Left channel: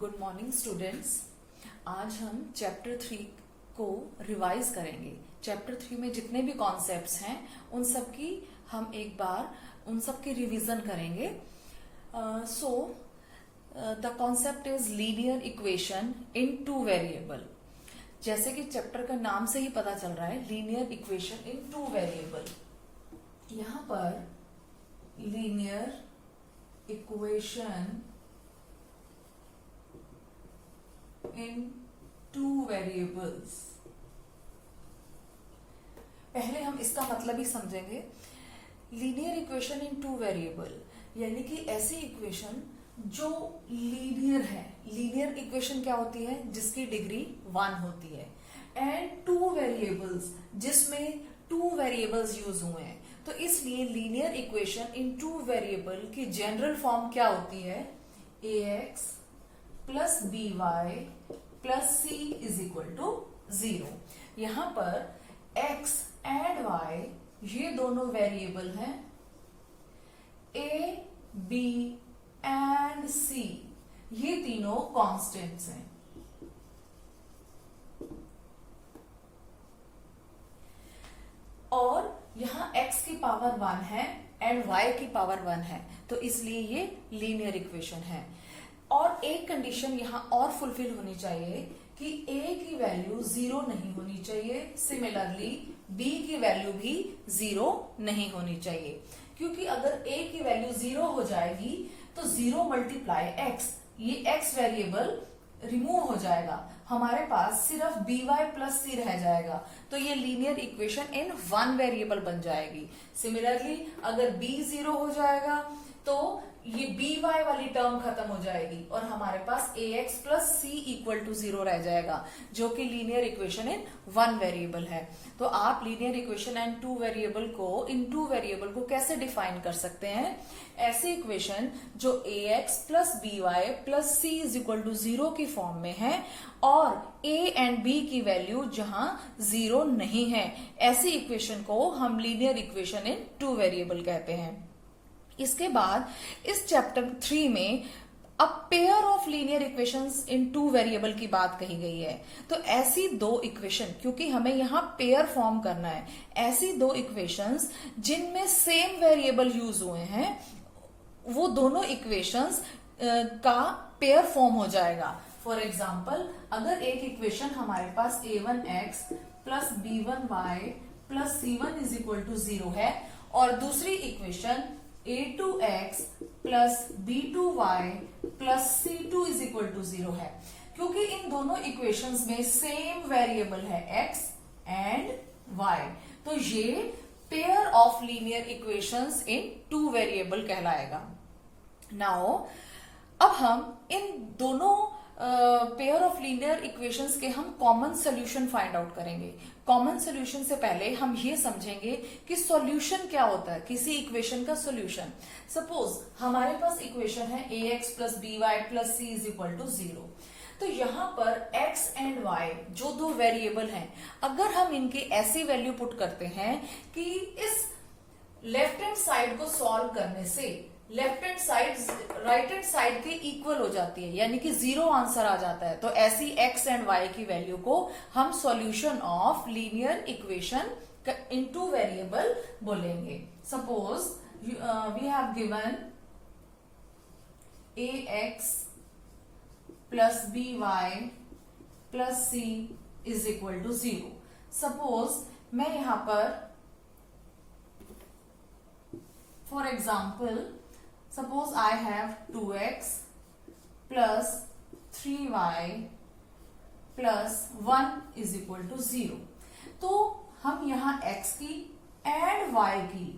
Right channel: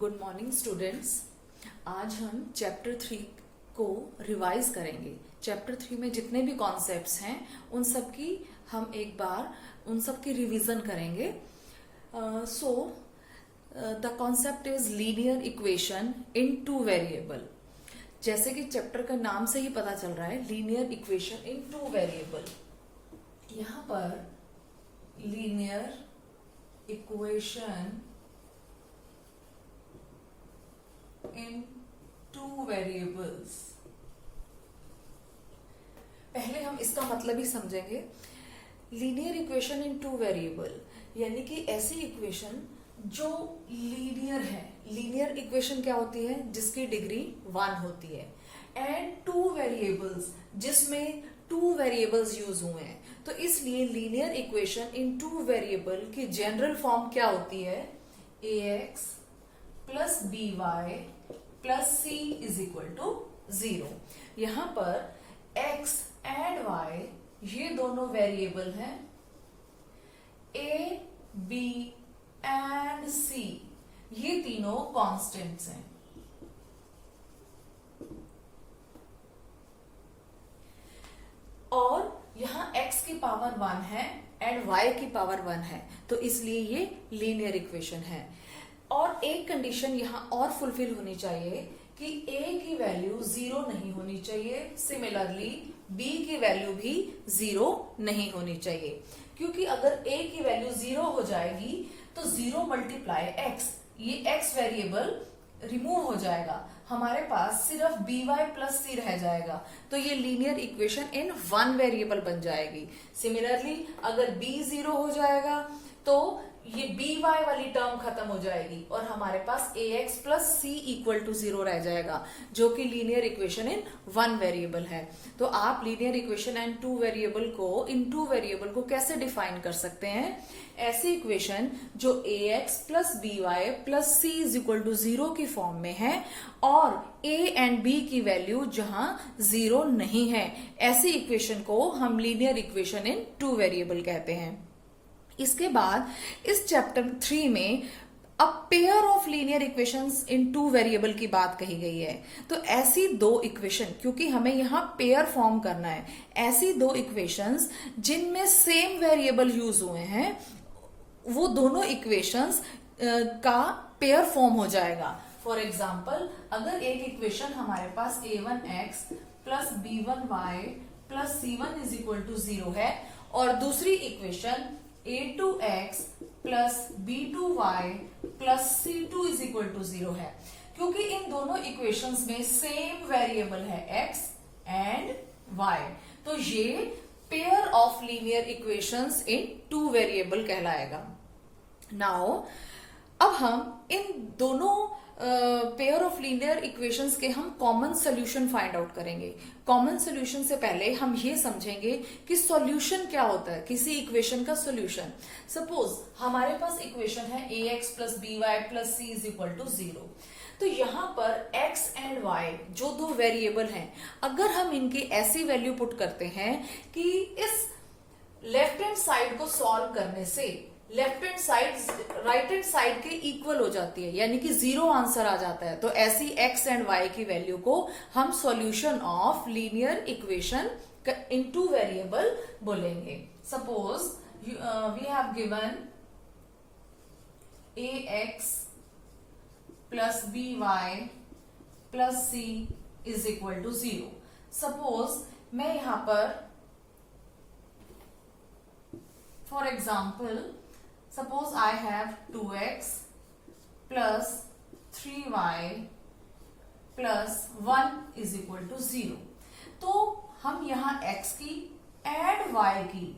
Good morning students. आज हम chapter 3 को रिवाइज करेंगे। चैप्टर 3 में जितने भी कॉन्सेप्ट्स हैं उन सब की हम एक बार उन सब की रिवीजन करेंगे। The concept is linear equation in two variable. जैसे कि चैप्टर का नाम से ही पता चल रहा है, linear equation in two variable. यहां पर linear equation in two variables, पहले हम इसका मतलब ही समझेंगे। Linear equation in two variable यानी कि ऐसी इक्वेशन जो लीनियर है। लीनियर इक्वेशन क्या होती है? जिसकी डिग्री 1 होती है। एंड टू वेरिएबल्स, जिसमें टू वेरिएबल्स यूज हुए हैं। तो इसलिए linear equation in two variable की जनरल फॉर्म क्या होती है? ax plus by plus c is equal to 0। यहां पर x एंड y ये दोनों वेरिएबल हैं। a, b एंड c ये तीनों कांस्टेंट्स हैं। और यहां x की पावर 1 है एंड y की पावर 1 है, तो इसलिए ये लीनियर इक्वेशन है। और एक कंडीशन यहां और फुलफिल होनी चाहिए कि a की वैल्यू 0 नहीं होनी चाहिए। सिमिलरली b की वैल्यू भी 0 नहीं होनी चाहिए, क्योंकि अगर a की वैल्यू 0 हो जाएगी तो 0 मल्टीप्लाई x, ये x वेरिएबल रिमूव हो जाएगा। हमारे पास सिर्फ by प्लस c रह जाएगा, तो ये लीनियर इक्वेशन इन 1 वेरिएबल बन जाएगी। सिमिलरली अगर b 0 हो जाएगा तो ये by वाली टर्म खत्म हो जाएगी और हमारे पास ax plus c equal to 0 रह जाएगा, जो कि लीनियर इक्वेशन इन 1 वेरिएबल है। तो आप linear equation and two variable को कैसे डिफाइन कर सकते हैं? ऐसे इक्वेशन जो ax plus by plus c is equal to 0 की फॉर्म में है और a एंड b की वैल्यू जहां 0 नहीं है, ऐसी इक्वेशन को हम linear equation in two variable कहते हैं। इसके बाद इस चैप्टर 3 में अब pair of linear equations in two variable की बात कही गई है। तो ऐसी दो इक्वेशन, क्योंकि हमें यहां पेयर फॉर्म करना है, ऐसी दो इक्वेशंस जिनमें सेम वेरिएबल यूज हुए हैं, वो दोनों इक्वेशंस का पेयर फॉर्म हो जाएगा। फॉर एग्जाम्पल, अगर एक इक्वेशन हमारे पास a1x plus b1y plus c1 is equal to 0 है और दूसरी equation a2x plus b2y plus c2 is equal to 0 है, क्योंकि इन दोनों इक्वेशंस में सेम वेरिएबल है x एंड y, तो ये pair of linear equations in two variable कहलाएगा। नाउ अब हम इन दोनों पेयर ऑफ लीनियर इक्वेशंस के हम कॉमन सोल्यूशन फाइंड आउट करेंगे। कॉमन सोल्यूशन से पहले हम ये समझेंगे कि सॉल्यूशन क्या होता है, किसी इक्वेशन का सॉल्यूशन। सपोज हमारे पास इक्वेशन है ax plus by plus c is equal to 0। तो यहां पर x एंड y जो दो वेरिएबल हैं, अगर हम इनकी ऐसी वैल्यू पुट करते हैं कि इस लेफ्ट हैंड साइड को सॉल्व करने से left hand side right hand side के इक्वल हो जाती है, यानी कि 0 आंसर आ जाता है, तो ऐसी x एंड y की वैल्यू को हम solution of linear equation in two variable बोलेंगे। Suppose we have given ax plus by plus c is equal to 0। Suppose मैं यहां पर for example, suppose I have 2x plus 3y plus 1 is equal to 0। तो हम यहाँ x की and y की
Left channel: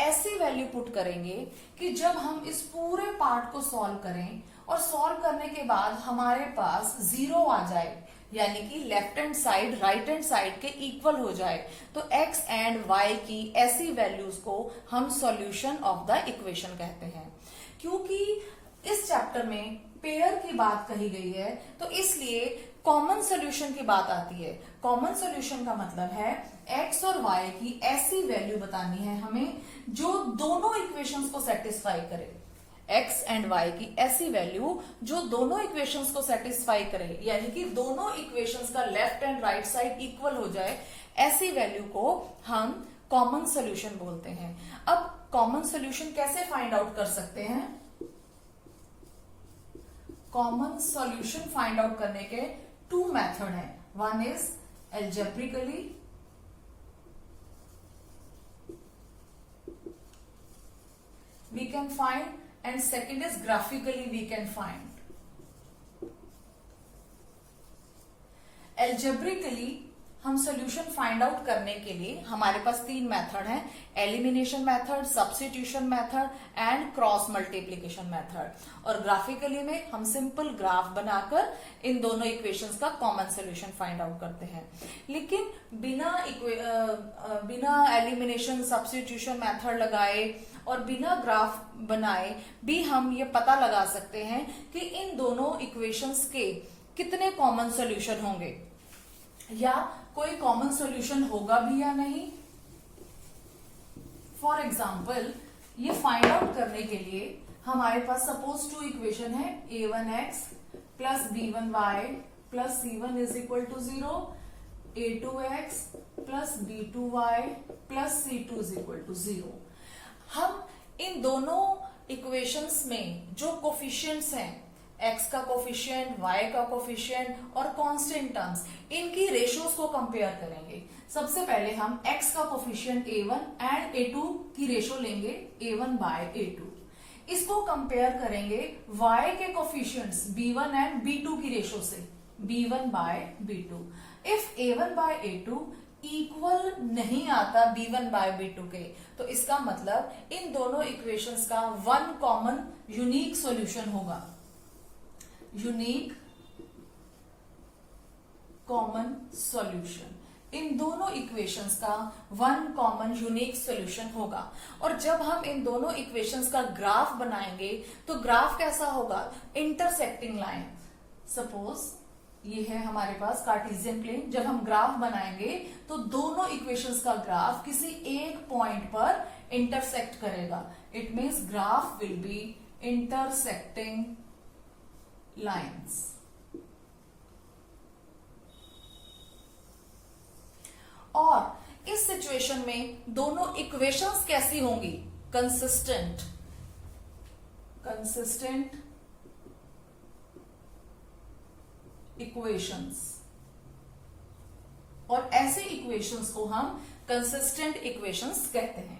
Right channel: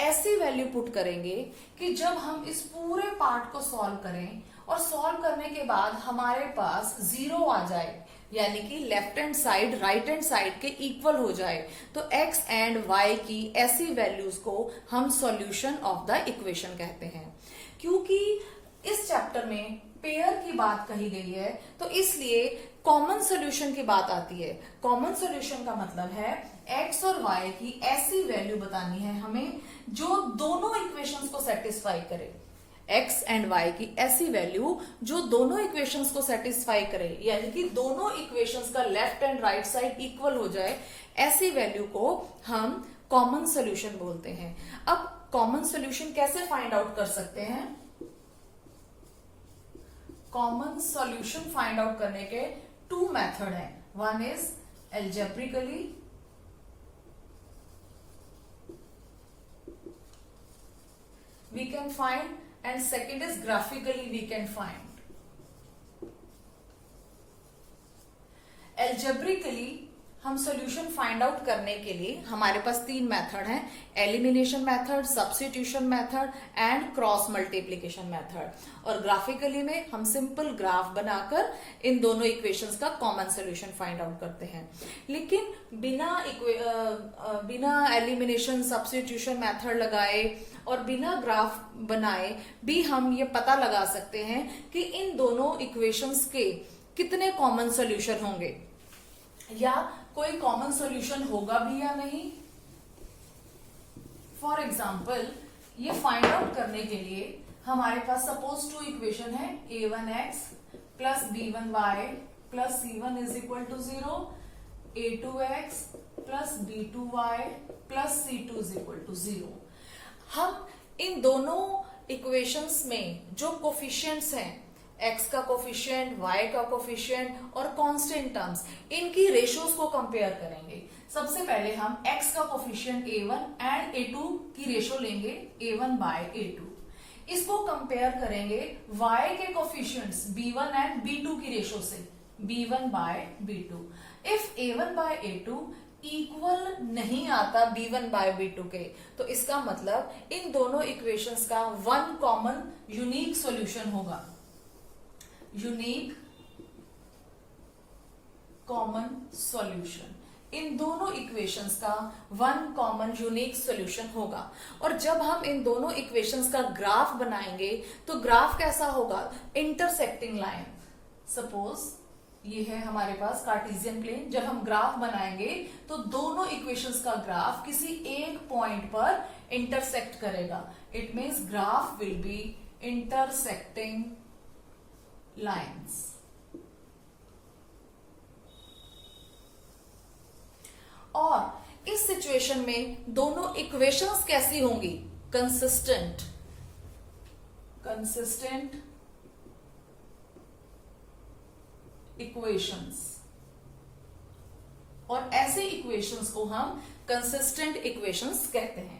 ऐसी वैल्यू पुट करेंगे कि जब हम इस पूरे पार्ट को सॉल्व करें और सॉल्व करने के बाद हमारे पास 0 आ जाए, यानी कि left hand side right hand side के इक्वल हो जाए, तो x एंड y की ऐसी वैल्यूज को हम सॉल्यूशन ऑफ द इक्वेशन कहते हैं। क्योंकि इस चैप्टर में पेयर की बात कही गई है, तो इसलिए कॉमन सॉल्यूशन की बात आती है। कॉमन सॉल्यूशन का मतलब है x और y की ऐसी वैल्यू बतानी है हमें जो दोनों इक्वेशंस को सेटिस्फाई करे। एक्स एंड वाई की ऐसी वैल्यू जो दोनों इक्वेशंस को सेटिस्फाई करे, यानी कि दोनों इक्वेशंस का left and right side equal हो जाए, ऐसी वैल्यू को हम कॉमन सोल्यूशन बोलते हैं। अब कॉमन सोल्यूशन कैसे फाइंड आउट कर सकते हैं? कॉमन सॉल्यूशन फाइंड आउट करने के 2 मेथड हैं। One is algebraically, we can find, and second is graphically we can find. Algebraically हम सोल्यूशन फाइंड आउट करने के लिए हमारे पास 3 मेथड हैं, elimination method, substitution method and cross multiplication method. और ग्राफिकली में हम सिंपल ग्राफ बनाकर इन दोनों इक्वेशंस का कॉमन सोल्यूशन फाइंड आउट करते हैं। लेकिन बिना एलिमिनेशन सब्स्टिट्यूशन मेथड लगाए और बिना ग्राफ बनाए भी हम ये पता लगा सकते हैं कि इन दोनों इक्वेशंस के कितने कॉमन सोल्यूशन होंगे या कोई कॉमन सॉल्यूशन होगा भी या नहीं। फॉर एग्जाम्पल, ये फाइंड आउट करने के लिए हमारे पास सपोज 2 इक्वेशन है, a1x plus b1y plus c1 is equal to 0, a2x plus b2y plus c2 is equal to 0। हम इन दोनों इक्वेशंस में जो कोफिशिएंट्स हैं, x का कोफिशिएंट, y का कोफिशिएंट और कांस्टेंट टर्म्स, इनकी रेशियोज को कंपेयर करेंगे। सबसे पहले हम x का कोफिशिएंट a1 एंड a2 की रेशियो लेंगे a1 बाय a2। इसको कंपेयर करेंगे y के कोफिशिएंट्स b1 एंड b2 की रेशियो से b1 bye b2। If a1 bye a2 equal नहीं आता b1 बाय b2 के, तो इसका मतलब इन दोनों इक्वेशंस का 1 कॉमन यूनिक सॉल्यूशन होगा। यूनिक कॉमन सॉल्यूशन, इन दोनों इक्वेशंस का 1 कॉमन यूनिक सॉल्यूशन होगा। और जब हम इन दोनों इक्वेशंस का ग्राफ बनाएंगे तो ग्राफ कैसा होगा? Intersecting line. सपोज ये है हमारे पास कार्टेशियन प्लेन, जब हम ग्राफ बनाएंगे तो दोनों इक्वेशंस का ग्राफ किसी एक पॉइंट पर इंटरसेक्ट करेगा। It means graph will be intersecting lines. और इस सिचुएशन में दोनों इक्वेशंस कैसी होंगी? Consistent equations. और ऐसे इक्वेशंस को हम कंसिस्टेंट इक्वेशंस कहते हैं।